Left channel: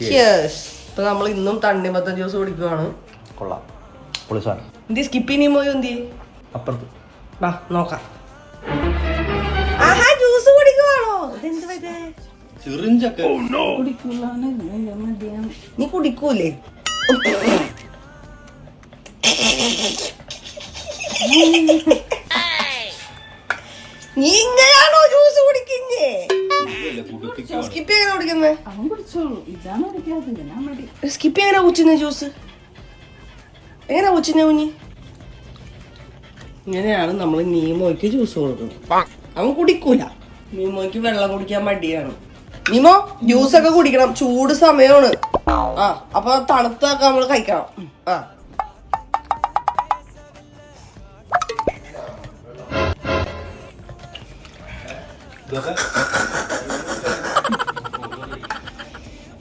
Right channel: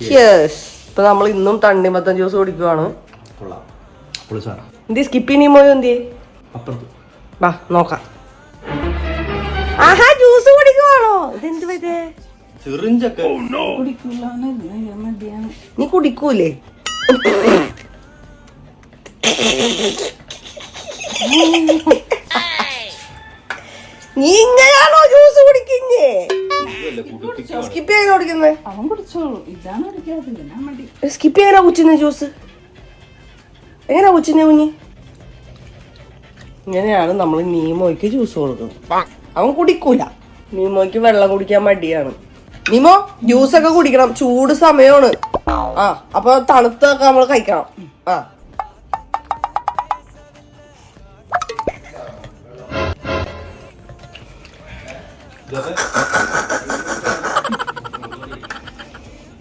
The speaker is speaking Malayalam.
ഇപ്പൊ നമ്മൾ ഇന്നും തണ്ണിമത്തൻ ജ്യൂസ് കുടിക്കുവാണ്. കൊള്ളാം, പൊളിച്ചാണ്. എന്തി സ്കിപ്പ് ചെയ്യുമ്പോ എന്തി അപ്പുറത്ത് വാ നോക്കാം. ആഹാ, ജ്യൂസ് കുടിക്കുവാണോ? സിറിഞ്ചൊക്കെ നീ കുടിക്കൂലേ? നീ ഇങ്ങനെയാണോ ജ്യൂസ് കുടിക്കുന്നേ? സ്കിപ്പ് ചെയ്യാൻ കുടിക്കുന്നേ? സ്കിപ്പ് ചെയ്യാനാ കുച്ചിന്ന ജ്യൂസ്? എങ്ങനെയാ കുച്ചിന്ന കുഞ്ഞി? ഇങ്ങനെയാണ് നമ്മൾ നീമോയ്ക്ക് ജ്യൂസ് കൊടുക്കുന്നത്. അവൻ കുടിക്കൂല. നീമോയ്ക്ക് വെള്ളം കുടിക്കാൻ മടിയാണ്. നീമോ ജ്യൂസൊക്കെ കുടിക്കണം, ചൂട് സമയമാണ്. അപ്പൊ തണുത്തൊക്കെ നമ്മൾ കഴിക്കണം.